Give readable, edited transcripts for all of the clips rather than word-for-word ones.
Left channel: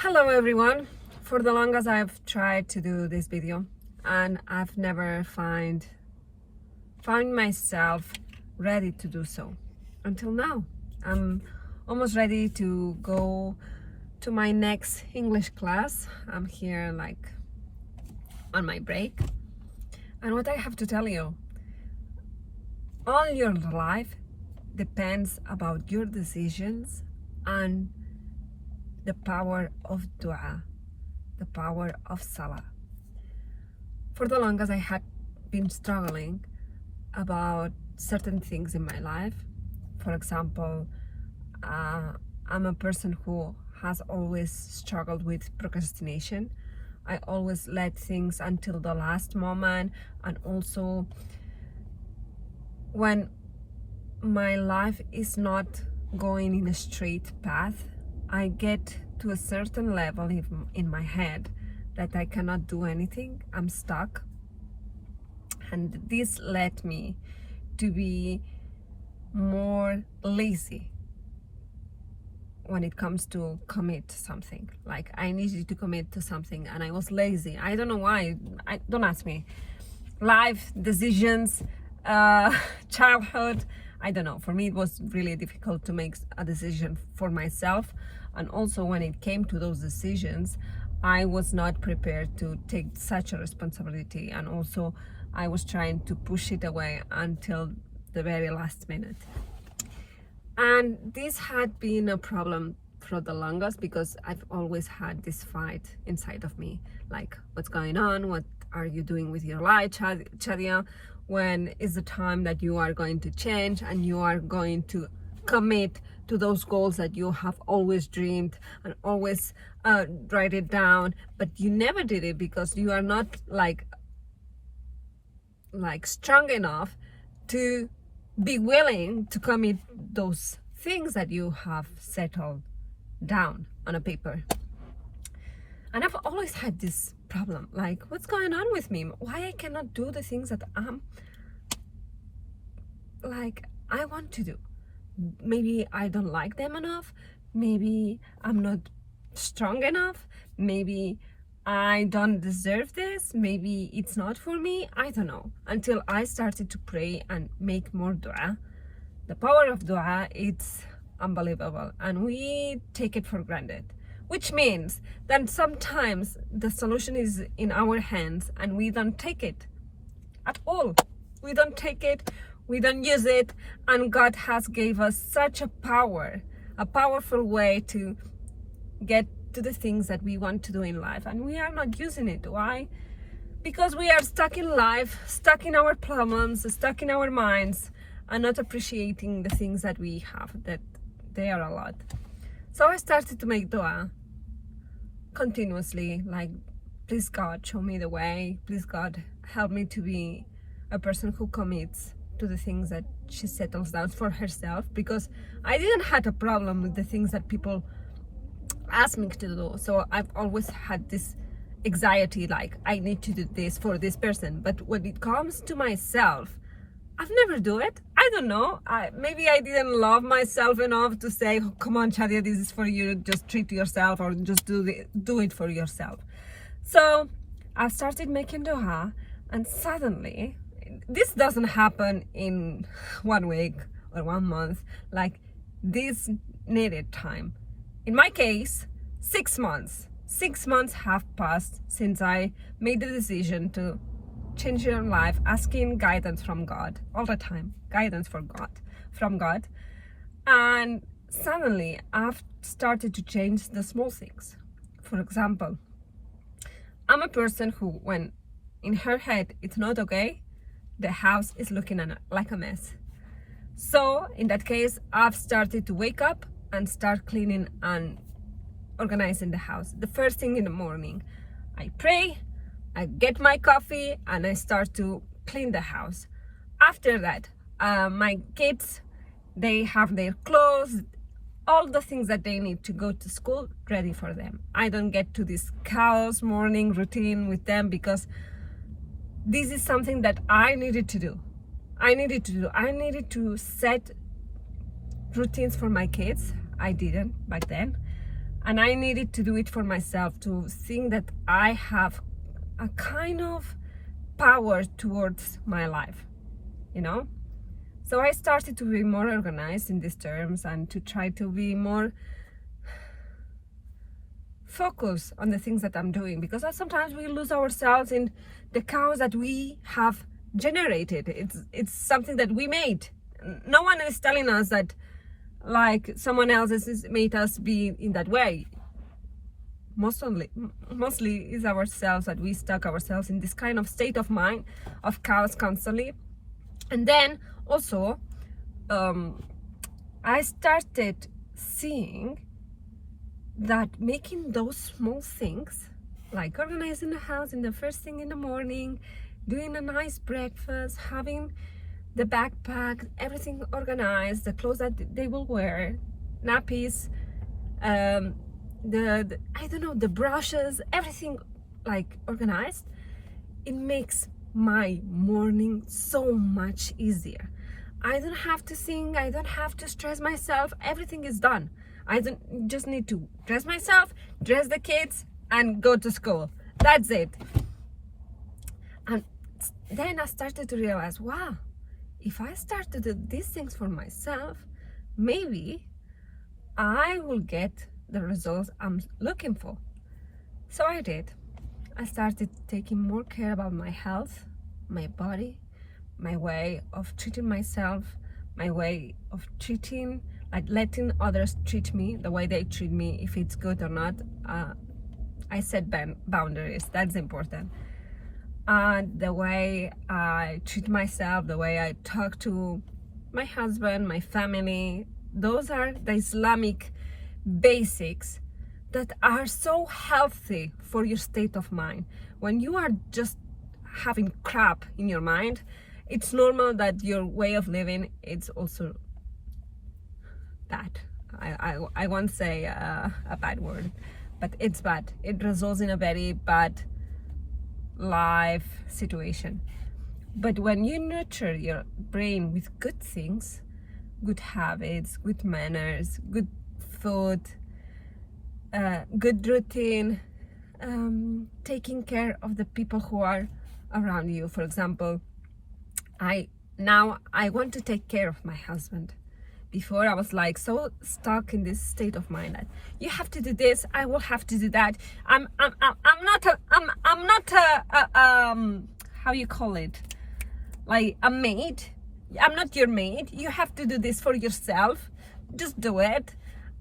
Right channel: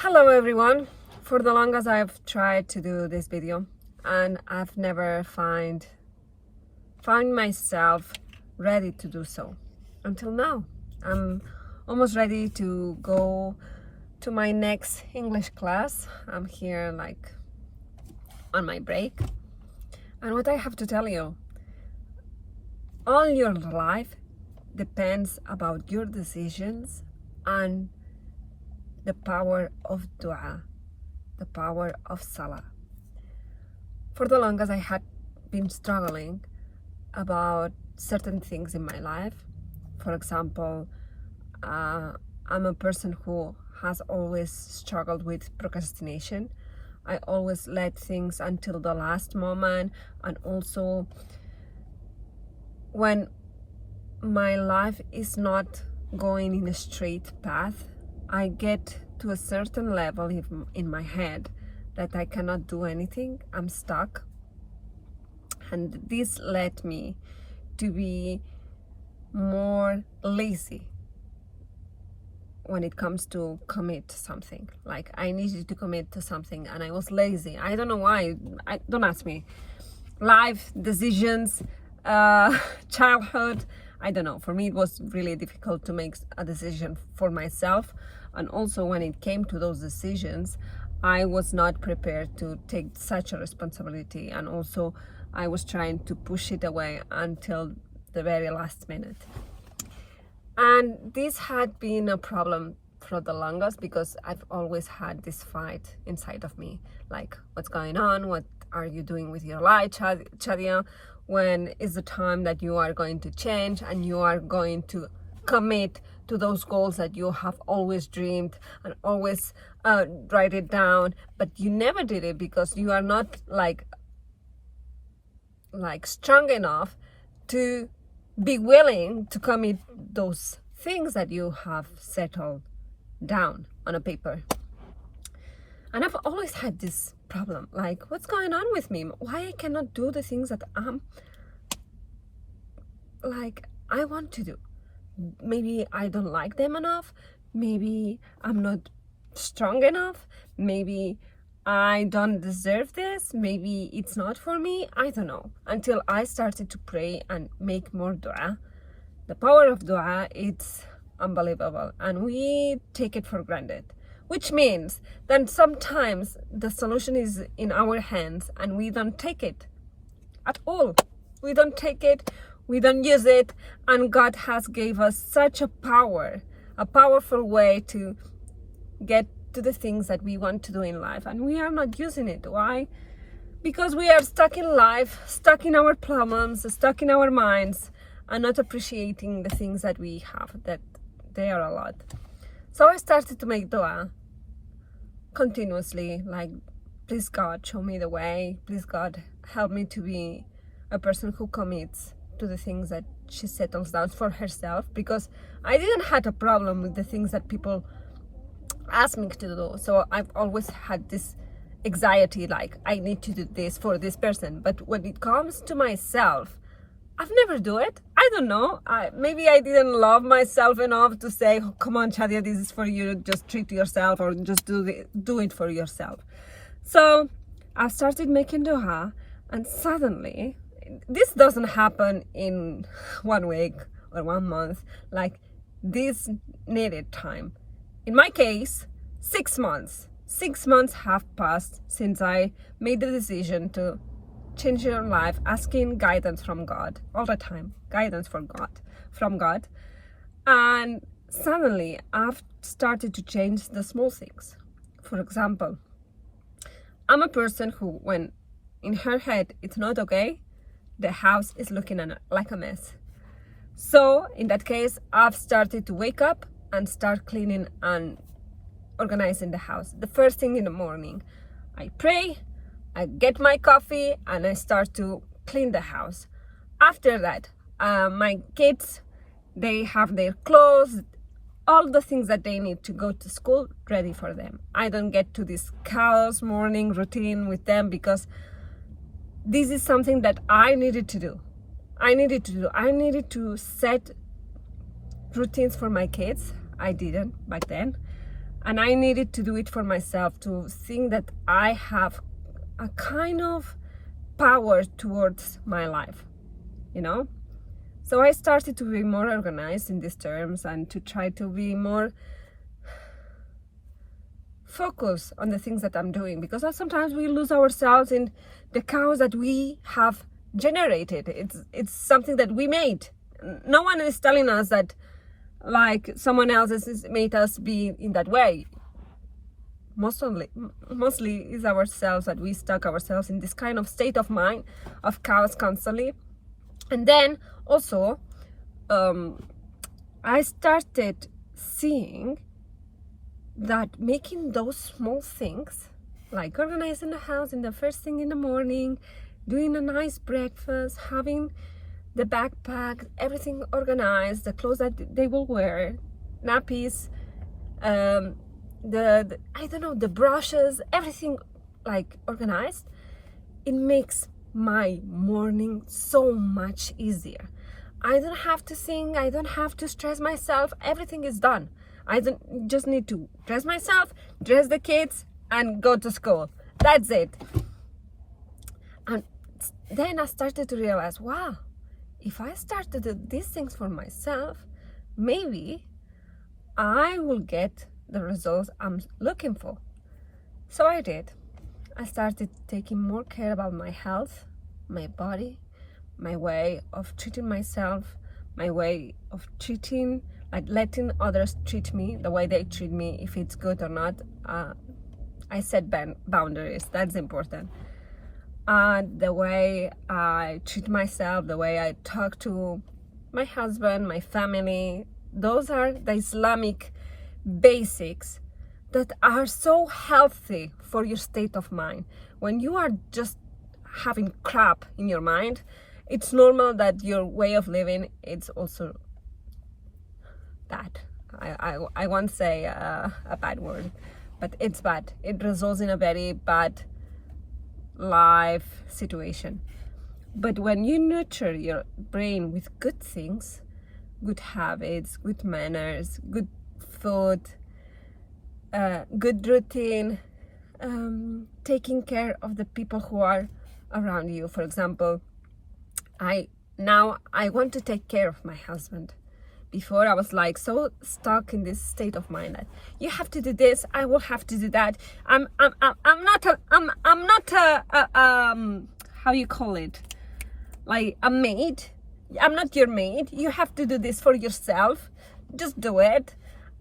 Hello everyone. For the longest I've tried to do this video and I've never found myself ready to do so until now. I'm almost ready to go to my next English class. I'm here like on my break, and what I have to tell you, all your life depends about your decisions and the power of dua, the power of salah. For the longest I had been struggling about certain things in my life. For example, I'm a person who has always struggled with procrastination. I always let things until the last moment, and also when my life is not going in a straight path, I get to a certain level in my head that I cannot do anything. I'm stuck, and this led me to be more lazy when it comes to commit something. Like, I needed to commit to something and I was lazy. I don't know why. Don't ask me. Life, decisions, childhood, I don't know. For me it was really difficult to make a decision for myself, and also when it came to those decisions I was not prepared to take such a responsibility, and also I was trying to push it away until the very last minute. And this had been a problem for the longest because I've always had this fight inside of me, like, what's going on? What are you doing with your life, Shadia? When is the time that you are going to change and you are going to commit to those goals that you have always dreamed and always write it down, but you never did it because you are not like strong enough to be willing to commit those things that you have settled down on a paper. And I've always had this problem, like, what's going on with me? Why I cannot do the things that I want to do? Maybe I don't like them enough, maybe I'm not strong enough, maybe I don't deserve this, maybe it's not for me, I don't know. Until I started to pray and make more dua. The power of dua, it's unbelievable, and we take it for granted, which means that sometimes the solution is in our hands and we don't take it at all. We don't take it, we don't use it, and God has gave us such a powerful way to get to the things that we want to do in life, and we are not using it. Why? Because we are stuck in life, stuck in our problems, stuck in our minds, and not appreciating the things that we have, that they are a lot. So I started to make dua continuously, like, please God, show me the way. Please God, help me to be a person who commits to the things that she settles down for herself, because I didn't have a problem with the things that people ask me to do. So I've always had this anxiety, like, I need to do this for this person, but when it comes to myself, I've never do it. I don't know, maybe I didn't love myself enough to say, oh, come on Shadia, this is for you, just treat yourself, or just do it for yourself. So I started making dua, and suddenly, this doesn't happen in 1 week or 1 month, like, this needed time. In my case, 6 months. 6 months have passed since I made the decision to change your life, asking guidance from God all the time, guidance from God. And suddenly I've started to change the small things. For example, I'm a person who, when in her head it's not okay, the house is looking like a mess. So in that case, I've started to wake up and start cleaning and organizing the house. The first thing in the morning, I pray, I get my coffee, and I start to clean the house. After that, my kids, they have their clothes, all the things that they need to go to school ready for them. I don't get to this chaos morning routine with them because this is something that I needed to do. I needed to set routines for my kids. I didn't back then. And I needed to do it for myself, to think that I have a kind of power towards my life, you know? So I started to be more organized in these terms and to try to be more focused on the things that I'm doing, because sometimes we lose ourselves in the chaos that we have generated. It's something that we made. No one is telling us that like someone else has made us be in that way. Mostly is ourselves, that we stuck ourselves in this kind of state of mind of chaos constantly. And then also I started seeing that making those small things, like organizing the house in the first thing in the morning, doing a nice breakfast, having the backpack, everything organized, the clothes that they will wear, nappies, the I don't know, the brushes, everything like organized, it makes my morning so much easier. I don't have to think, I don't have to stress myself, everything is done. I don't just need to dress myself, dress the kids, and go to school. That's it. And then I started to realize, wow, if I start to do these things for myself, maybe I will get the results I'm looking for. So I did. I started taking more care about my health, my body, my way of treating myself, my way of treating, like letting others treat me the way they treat me, if it's good or not. I set boundaries, that's important. And the way I treat myself, the way I talk to my husband, my family, those are the Islamic basics that are so healthy for your state of mind. When you are just having crap in your mind, it's normal that your way of living is also bad. I won't say a bad word, but it's bad. It results in a very bad life situation. But when you nurture your brain with good things, good habits, good manners, good food, good routine, taking care of the people who are around you. For example, I want to take care of my husband. Before I was like so stuck in this state of mind that you have to do this, I will have to do that. I'm not a how you call it, like a maid. I'm not your maid. You have to do this for yourself. Just do it.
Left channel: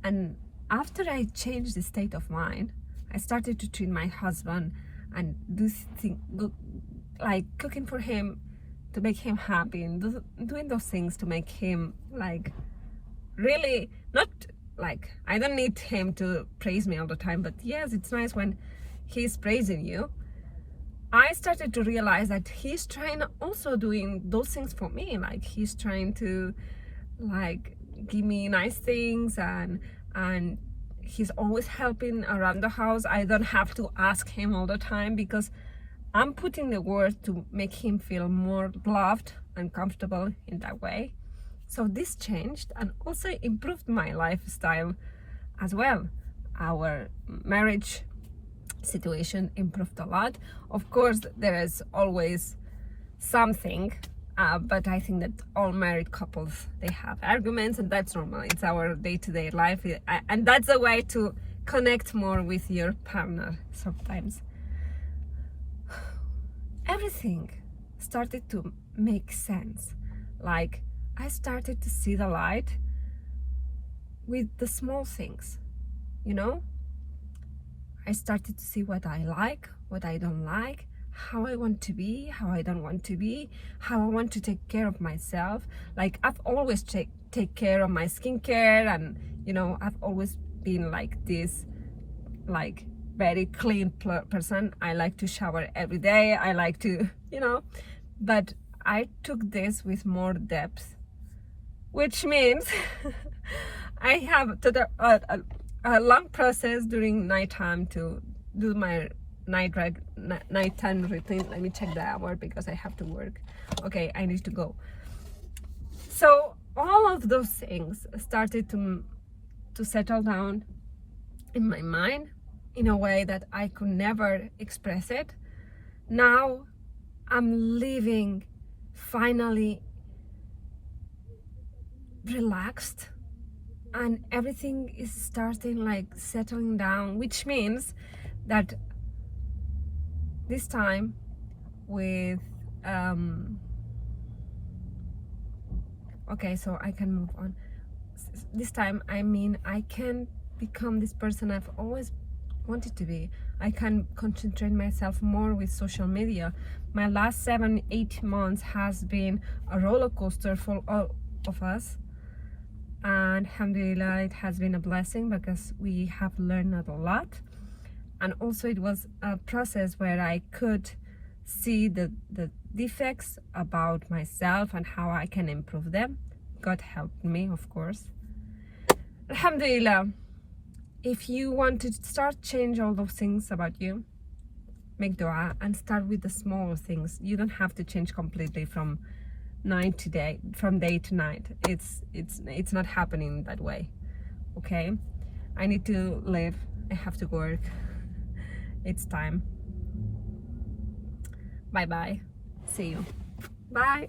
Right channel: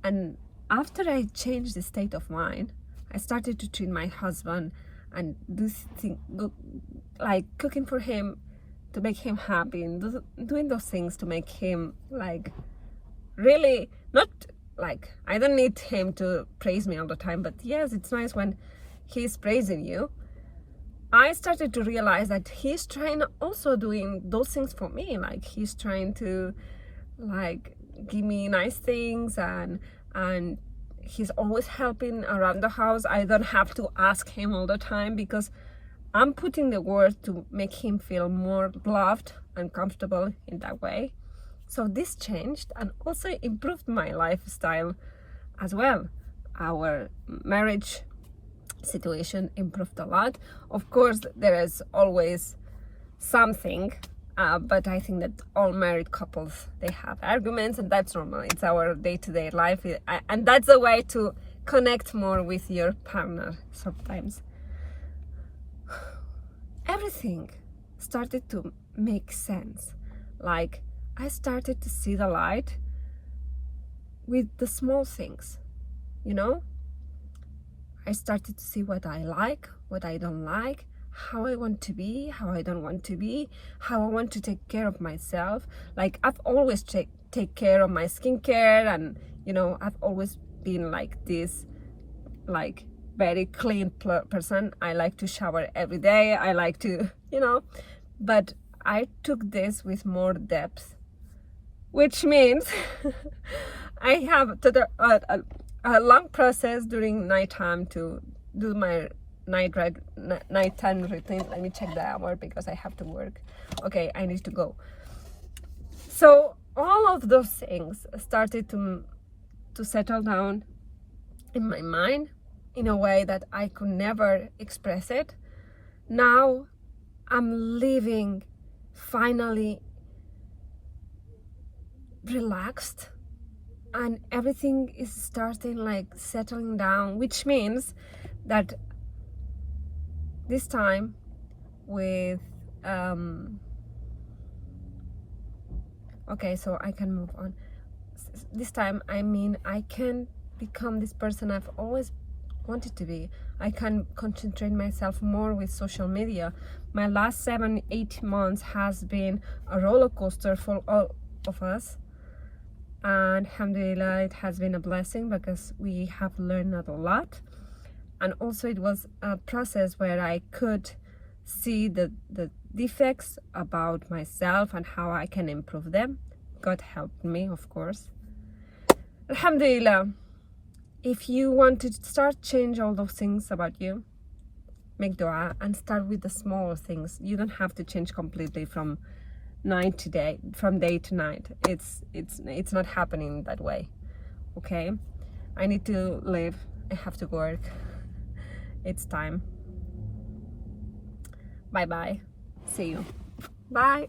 And after I changed the state of mind, I started to treat my husband and do things like cooking for him to make him happy, and doing those things to make him like really, not like, I don't need him to praise me all the time, but yes, it's nice when he's praising you. I started to realize that he's trying also doing those things for me. Like he's trying to like give me nice things, and he's always helping around the house. I don't have to ask him all the time because I'm putting the work to make him feel more loved and comfortable in that way. So this changed and also improved my lifestyle as well. Our marriage situation improved a lot. Of course, there is always something, but I think that all married couples, they have arguments, and that's normal. It's our day-to-day life, and that's a way to connect more with your partner sometimes. Everything started to make sense. Like I started to see the light with the small things, you know? I started to see what I like, what I don't like, how I want to be, how I don't want to be, how I want to take care of myself. Like I've always take care of my skincare, and you know, I've always been like this, like very clean person. I like to shower every day. I like to, you know, but I took this with more depth, which means I have a long process during nighttime to do my nighttime routine. Let me check the hour because I have to work. Okay, I need to go. So all of those things started to settle down in my mind in a way that I could never express it. Now I'm living finally relaxed, and everything is starting like settling down, which means that this time with okay, so I can move on. This time, I mean, I can become this person I've always wanted to be. I can concentrate myself more with social media. My last 7-8 months has been a roller coaster for all of us, and Hamdullilah, it has been a blessing because we have learned a lot. And also it was a process where I could see the defects about myself and how I can improve them. God helped me, of course. Alhamdulillah. If you want to start change all those things about you, make dua and start with the small things. You don't have to change completely from day to night. It's not happening that way. Okay? I need to live. I have to work. It's time. Bye bye. See you. Bye.